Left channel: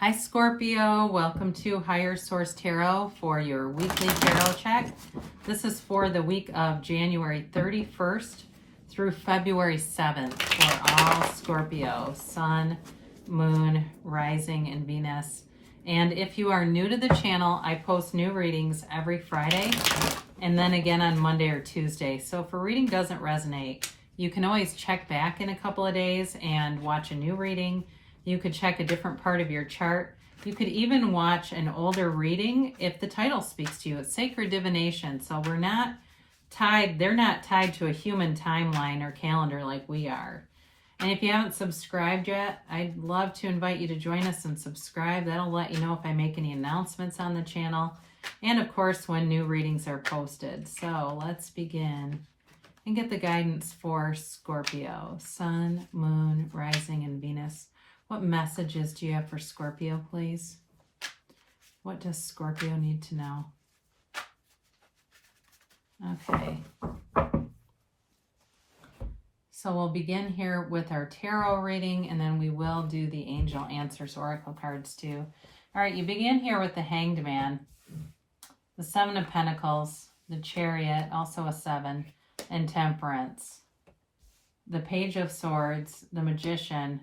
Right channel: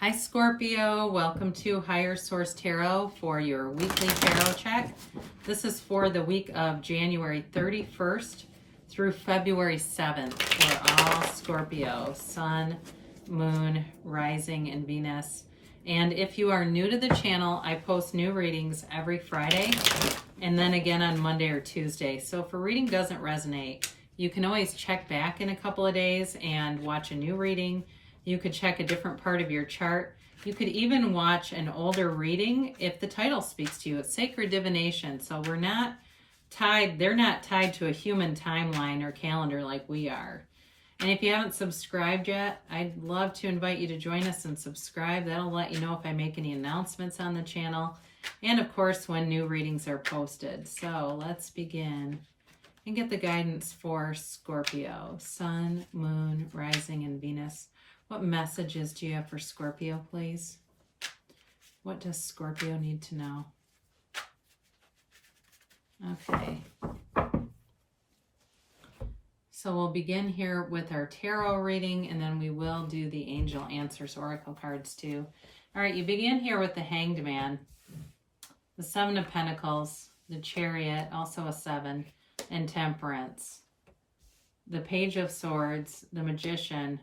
Hi Scorpio, welcome to Higher Source Tarot for your weekly tarot check. This is for the week of January 31st through February 7th for all Scorpio, Sun, Moon, Rising, and Venus. And if you are new to the channel, I post new readings every Friday and then again on Monday or Tuesday. So if a reading doesn't resonate, you can always check back in a couple of days and watch a new reading. You could check a different part of your chart. You could even watch an older reading if the title speaks to you. It's sacred divination, so we're not tied, they're not tied to a human timeline or calendar like we are. And if you haven't subscribed yet, I'd love to invite you to join us and subscribe. That'll let you know if I make any announcements on the channel. And of course, when new readings are posted. So let's begin and get the guidance for Scorpio, Sun, Moon, Rising, and Venus. What messages do you have for Scorpio, please? What does Scorpio need to know? Okay. So we'll begin here with our tarot reading, and then we will do the Angel Answers Oracle cards too. All right, you begin here with the Hanged Man, the Seven of Pentacles, the Chariot, also a 7, and Temperance, the Page of Swords, the Magician,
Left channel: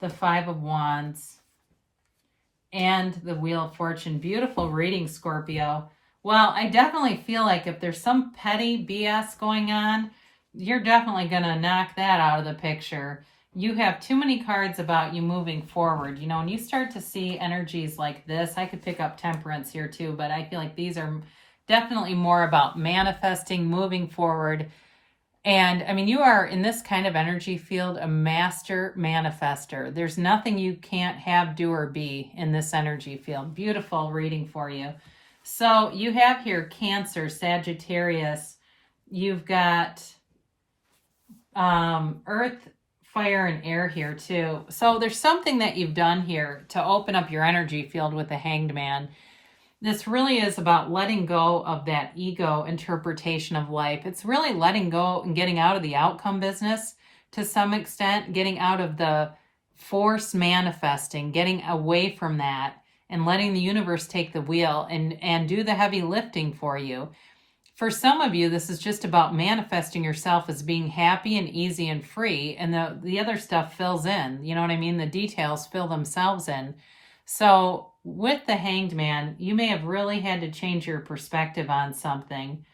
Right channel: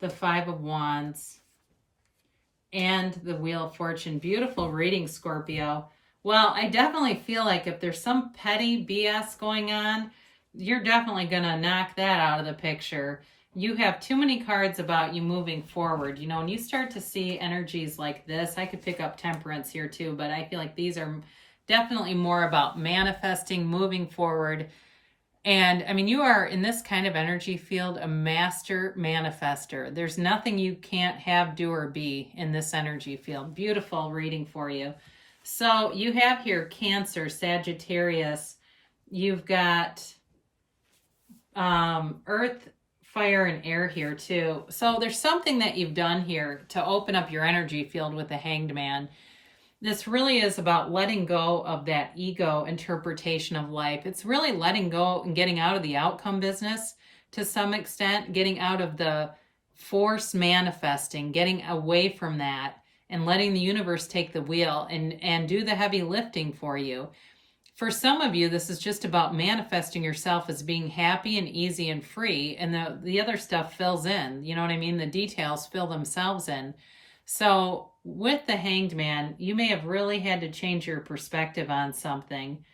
the 5 of Wands, and the Wheel of Fortune. Beautiful reading, Scorpio. Well, I definitely feel like if there's some petty BS going on, you're definitely going to knock that out of the picture. You have too many cards about you moving forward. You know, when you start to see energies like this, I could pick up Temperance here too, but I feel like these are definitely more about manifesting, moving forward. And I mean, you are in this kind of energy field a master manifester. There's nothing you can't have, do, or be in this energy field. Beautiful reading for you. So you have here Cancer, Sagittarius. You've got Earth, Fire, and Air here too. So there's something that you've done here to open up your energy field with the Hanged Man. This really is about letting go of that ego interpretation of life. It's really letting go and getting out of the outcome business to some extent, getting out of the force manifesting, getting away from that and letting the universe take the wheel and do the heavy lifting for you. For some of you, this is just about manifesting yourself as being happy and easy and free, and the other stuff fills in. You know what I mean? The details fill themselves in. So with the Hanged Man, you may have really had to change your perspective on something.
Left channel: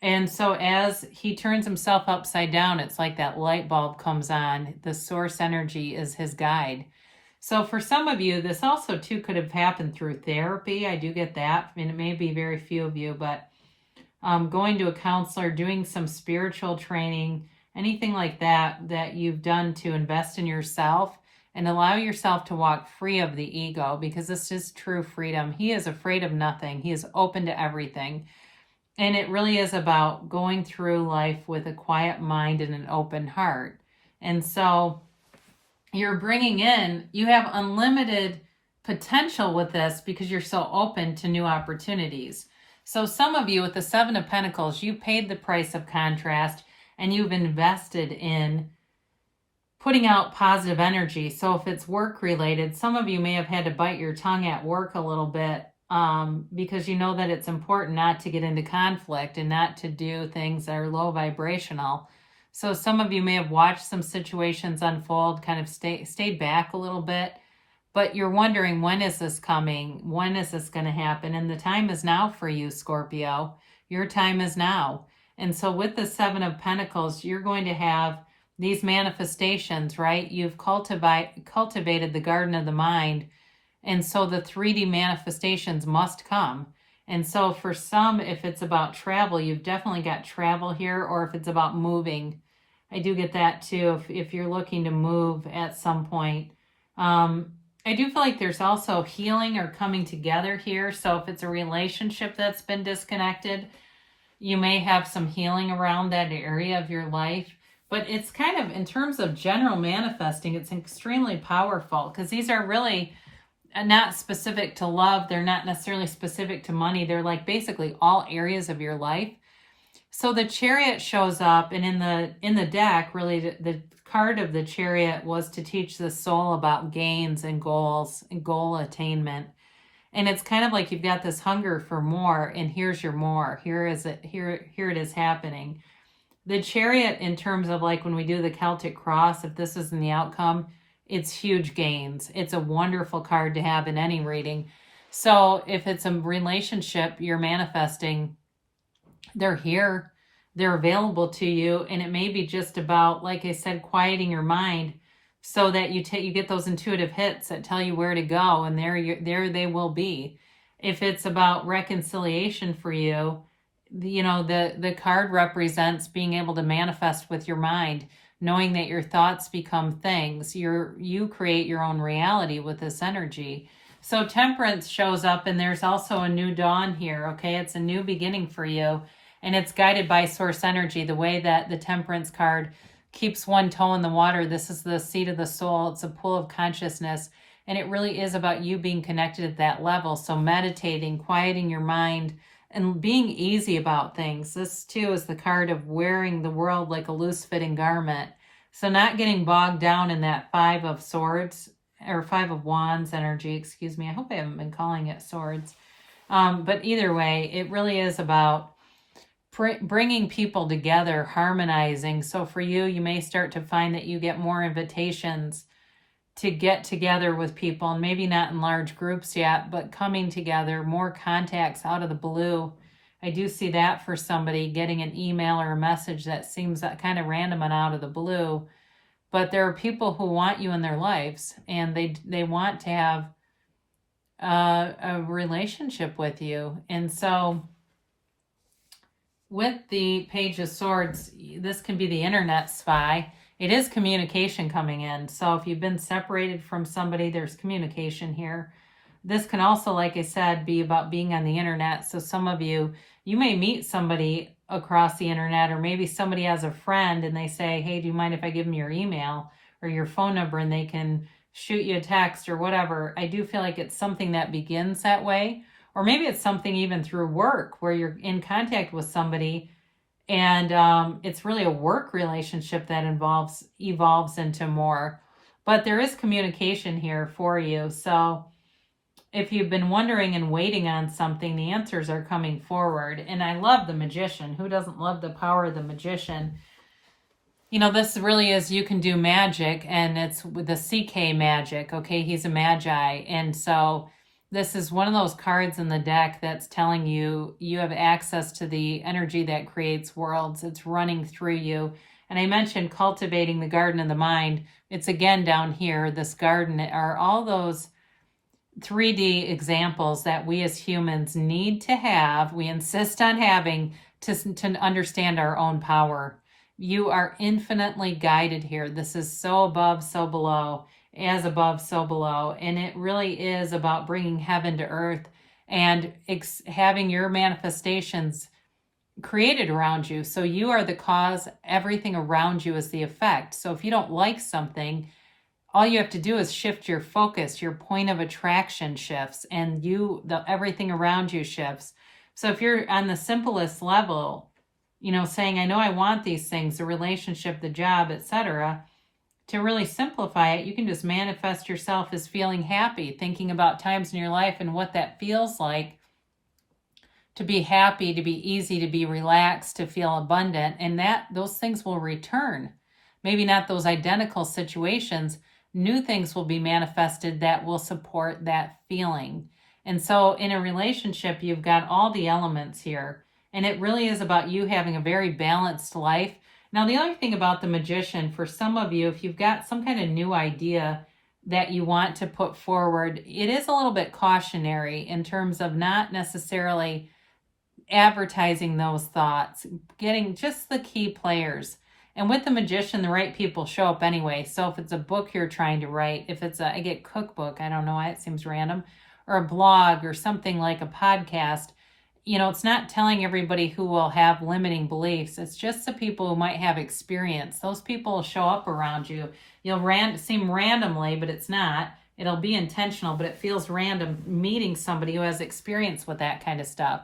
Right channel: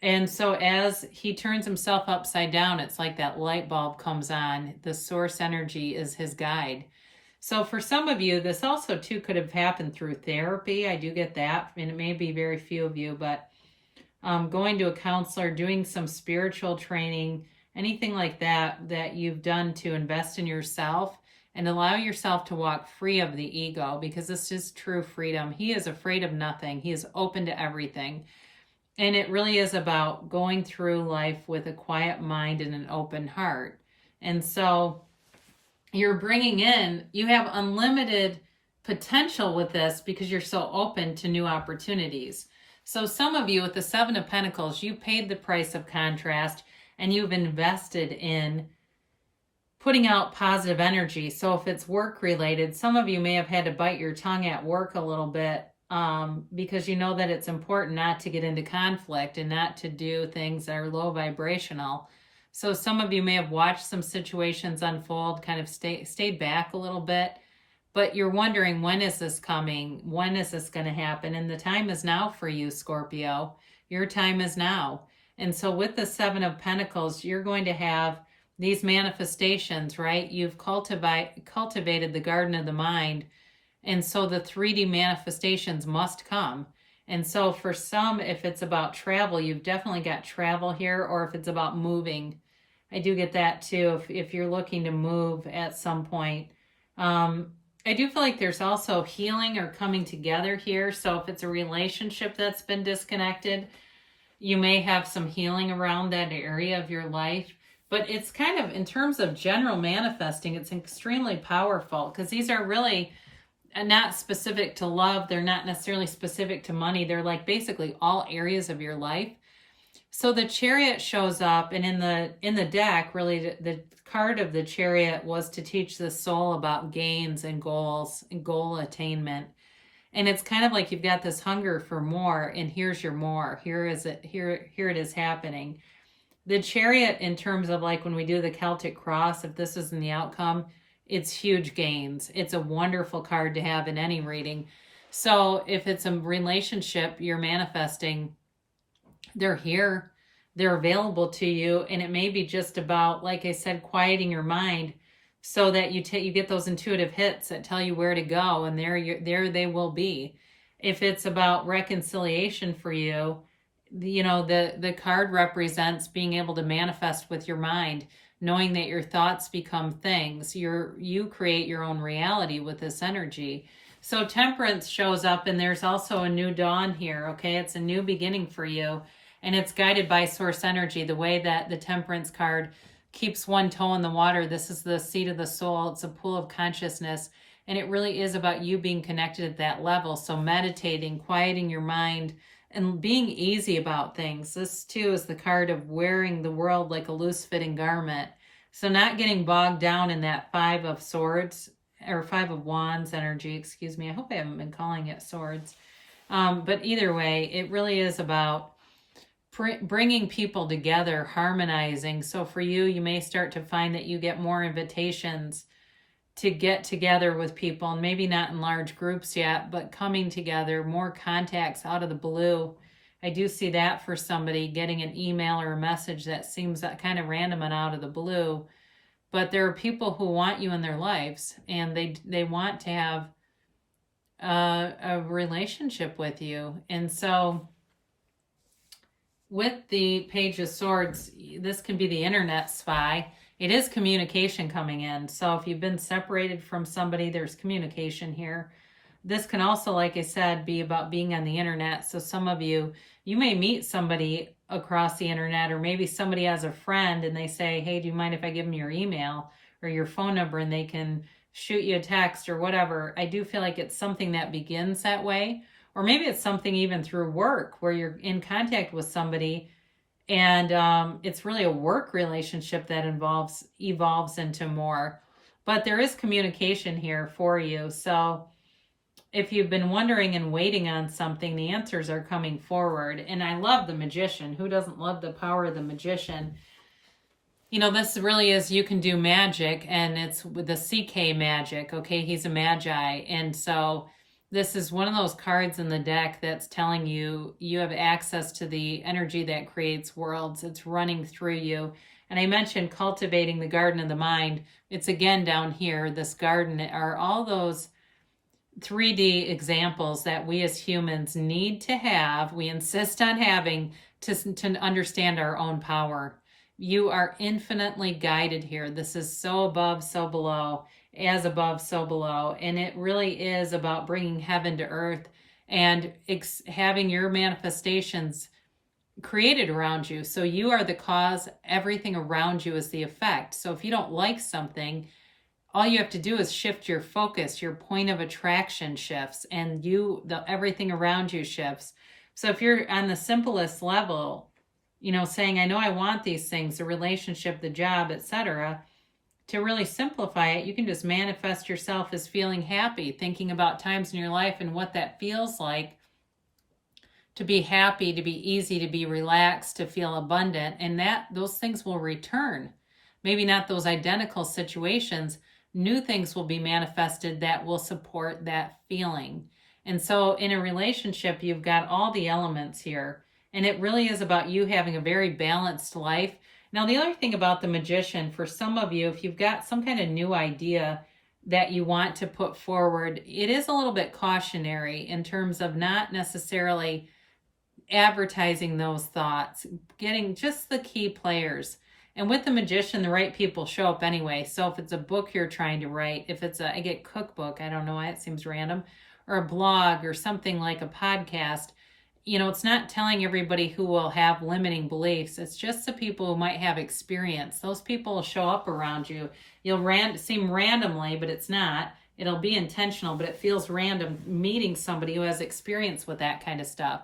And so as he turns himself upside down, it's like that light bulb comes on. The source energy is his guide. So for some of you, this also too could have happened through therapy. I do get that. I mean, it may be very few of you, but going to a counselor, doing some spiritual training, anything like that that you've done to invest in yourself and allow yourself to walk free of the ego, because this is true freedom. He is afraid of nothing. He is open to everything. And it really is about going through life with a quiet mind and an open heart. And so you're bringing in, you have unlimited potential with this because you're so open to new opportunities. So some of you with the 7 of Pentacles, you paid the price of contrast and you've invested in putting out positive energy. So if it's work related, some of you may have had to bite your tongue at work a little bit because you know that it's important not to get into conflict and not to do things that are low vibrational. So some of you may have watched some situations unfold, kind of stayed back a little bit, but you're wondering, when is this coming? When is this going to happen? And the time is now for you, Scorpio. Your time is now. And so with the 7 of Pentacles, you're going to have these manifestations, right? You've cultivated the garden of the mind. And so the 3D manifestations must come. And so for some, if it's about travel, you've definitely got travel here, or if it's about moving. I do get that too, if you're looking to move at some point. I do feel like there's also healing or coming together here. So if it's a relationship that's been disconnected, you may have some healing around that area of your life. But it's kind of, in terms of general manifesting, it's extremely powerful because these are really not specific to love. They're not necessarily specific to money. They're like basically all areas of your life. So the Chariot shows up, and in the deck, really, the card of the Chariot was to teach the soul about gains and goals and goal attainment. And it's kind of like you've got this hunger for more, and here's your more. Here it is happening. The Chariot, in terms of like when we do the Celtic cross, if this isn't the outcome, it's huge gains. It's a wonderful card to have in any reading. So if it's a relationship you're manifesting, they're here, they're available to you, and it may be just about, like I said, quieting your mind so that you get those intuitive hits that tell you where to go, and there they will be. If it's about reconciliation for you, the card represents being able to manifest with your mind, knowing that your thoughts become things. You create your own reality with this energy. So Temperance shows up, and there's also a new dawn here, okay? It's a new beginning for you, and it's guided by source energy, the way that the Temperance card keeps one toe in the water. This is the seat of the soul. It's a pool of consciousness, and it really is about you being connected at that level. So meditating, quieting your mind, and being easy about things. This, too, is the card of wearing the world like a loose-fitting garment. So not getting bogged down in that Five of Swords, or Five of Wands energy, excuse me. I hope I haven't been calling it swords. But either way, it really is about bringing people together, harmonizing. So for you, you may start to find that you get more invitations to get together with people, and maybe not in large groups yet, but coming together, more contacts out of the blue. I do see that for somebody, getting an email or a message that seems kind of random and out of the blue. But there are people who want you in their lives, and they want to have a relationship with you. And so with the Page of Swords, this can be the internet spy. It is communication coming in. So if you've been separated from somebody, there's communication here. This can also, like I said, be about being on the internet. So some of you may meet somebody across the internet, or maybe somebody has a friend and they say, hey, do you mind if I give them your email or your phone number, and they can shoot you a text or whatever. I do feel like it's something that begins that way. Or maybe it's something even through work where you're in contact with somebody, and it's really a work relationship that evolves into more. But there is communication here for you. So if you've been wondering and waiting on something, the answers are coming forward. And I love the Magician. Who doesn't love the power of the Magician? This really is, you can do magic, and it's with the CK magic, okay? He's a magi. And so this is one of those cards in the deck that's telling you you have access to the energy that creates worlds. It's running through you. And I mentioned cultivating the garden of the mind. It's again down here, this garden, are all those 3D examples that we as humans need to have, we insist on having to understand our own power. You are infinitely guided here. This is so above, so below, as above, so below. And it really is about bringing heaven to earth and having your manifestations created around you. So you are the cause, everything around you is the effect. So if you don't like something, all you have to do is shift your focus, your point of attraction shifts, and everything around you shifts. So if you're on the simplest level, saying, I know I want these things, the relationship, the job, etc., to really simplify it, you can just manifest yourself as feeling happy, thinking about times in your life and what that feels like to be happy, to be easy, to be relaxed, to feel abundant, and those things will return. Maybe not those identical situations. New things will be manifested that will support that feeling. And so in a relationship, you've got all the elements here. And it really is about you having a very balanced life. Now, the other thing about the Magician, for some of you, if you've got some kind of new idea that you want to put forward, it is a little bit cautionary in terms of not necessarily advertising those thoughts, getting just the key players. And with the Magician, the right people show up anyway. So if it's a book you're trying to write, if it's I get cookbook, I don't know why it seems random, or a blog or something like a podcast, it's not telling everybody who will have limiting beliefs. It's just the people who might have experience. Those people will show up around you. You'll seem randomly, but it's not. It'll be intentional, but it feels random meeting somebody who has experience with that kind of stuff.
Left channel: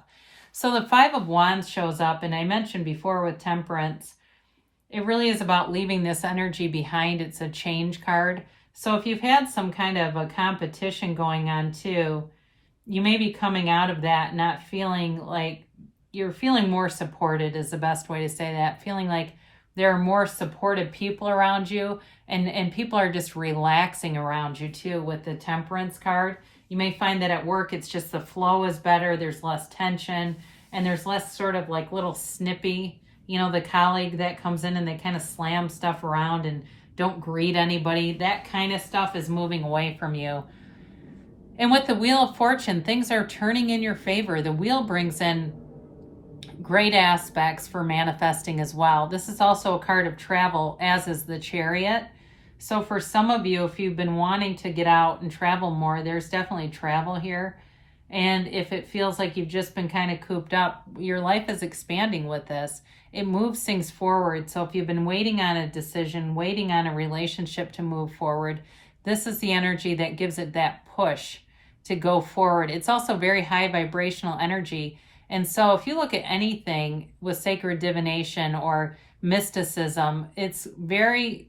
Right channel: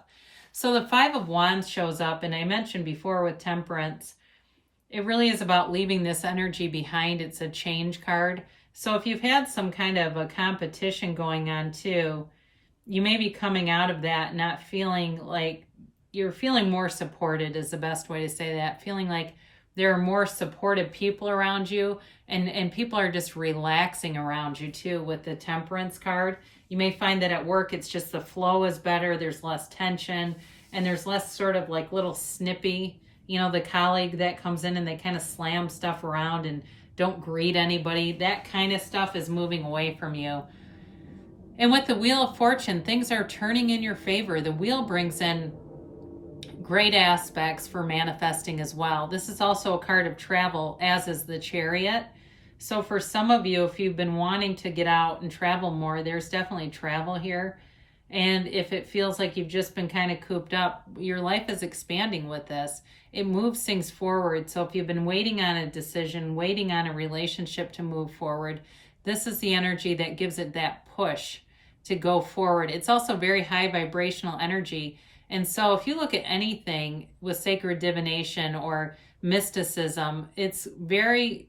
So the Five of Wands shows up, and I mentioned before with Temperance, it really is about leaving this energy behind. It's a change card. So if you've had some kind of a competition going on too, you may be coming out of that not feeling like you're feeling more supported is the best way to say that. Feeling like there are more supportive people around you, and people are just relaxing around you too with the Temperance card. You may find that at work it's just the flow is better, there's less tension, and there's less sort of like little snippy, the colleague that comes in and they kind of slam stuff around and don't greet anybody. That kind of stuff is moving away from you. And with the Wheel of Fortune, things are turning in your favor. The wheel brings in great aspects for manifesting as well. This is also a card of travel, as is the Chariot. So for some of you, if you've been wanting to get out and travel more, there's definitely travel here. And if it feels like you've just been kind of cooped up, your life is expanding with this. It moves things forward. So if you've been waiting on a decision, waiting on a relationship to move forward, this is the energy that gives it that push to go forward. It's also very high vibrational energy. And so if you look at anything with sacred divination or mysticism, it's very,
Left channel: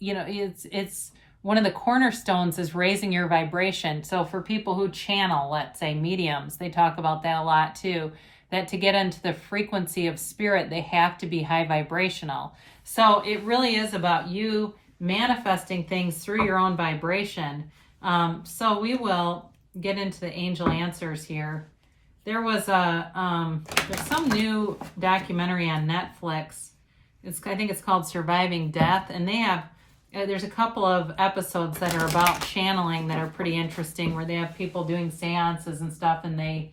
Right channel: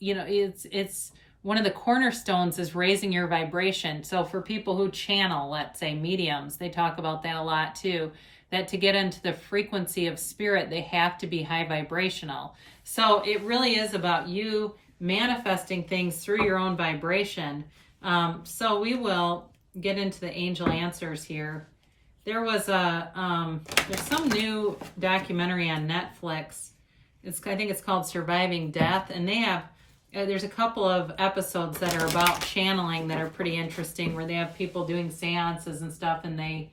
it's one of the cornerstones is raising your vibration. So for people who channel, let's say mediums, they talk about that a lot too, that to get into the frequency of spirit, they have to be high vibrational. So it really is about you manifesting things through your own vibration. So we will get into the angel answers here. There was there's some new documentary on Netflix. I think it's called Surviving Death, and they have there's a couple of episodes that are about channeling that are pretty interesting, where they have people doing seances and stuff, and they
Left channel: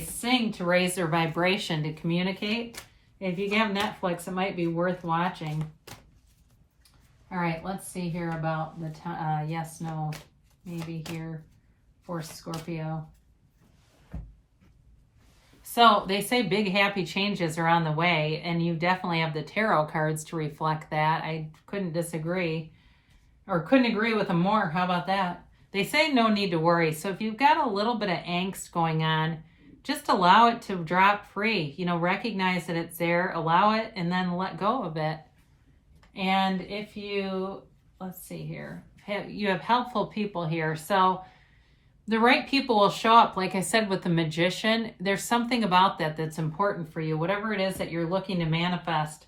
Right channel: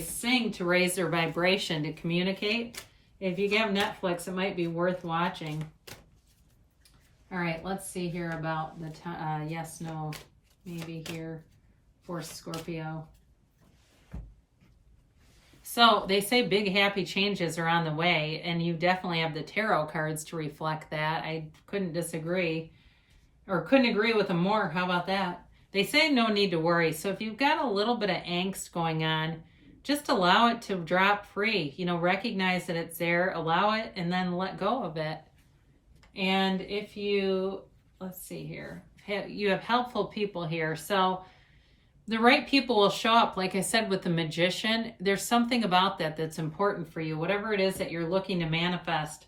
sing to raise their vibration to communicate. If you have Netflix, it might be worth watching. All right, let's see here about the yes, no, maybe here for Scorpio. So they say big happy changes are on the way, and you definitely have the tarot cards to reflect that. I couldn't disagree, or couldn't agree with them more. How about that? They say no need to worry. So if you've got a little bit of angst going on, just allow it to drop free. Recognize that it's there, allow it, and then let go of it. And if you, let's see here, you have helpful people here. So the right people will show up. Like I said, with the Magician, there's something about that that's important for you. Whatever it is that you're looking to manifest,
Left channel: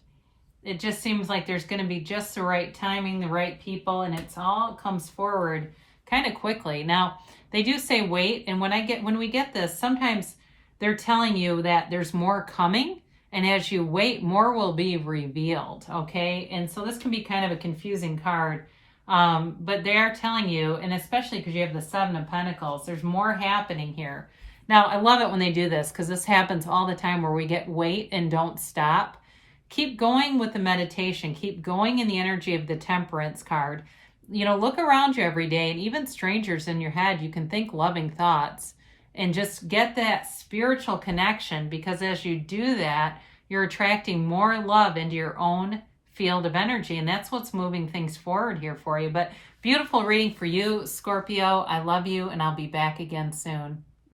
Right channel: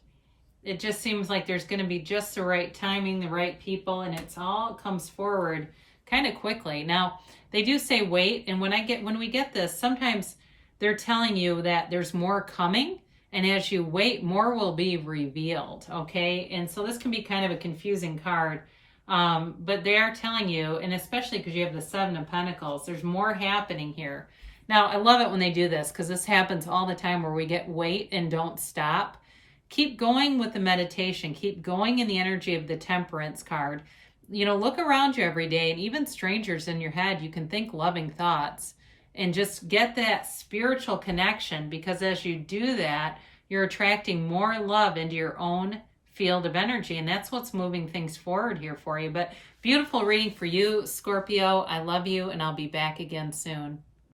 it just seems like there's going to be just the right timing, the right people, and it's all comes forward kind of quickly. Now, they do say wait, and when we get this, sometimes they're telling you that there's more coming, and as you wait, more will be revealed, okay? And so this can be kind of a confusing card. But they are telling you, and especially because you have the Seven of Pentacles, there's more happening here. Now, I love it when they do this, because this happens all the time where we get wait and don't stop. Keep going with the meditation. Keep going in the energy of the Temperance card. Look around you every day, and even strangers in your head, you can think loving thoughts and just get that spiritual connection, because as you do that, you're attracting more love into your own field of energy, and that's what's moving things forward here for you. But beautiful reading for you, Scorpio. I love you, and I'll be back again soon.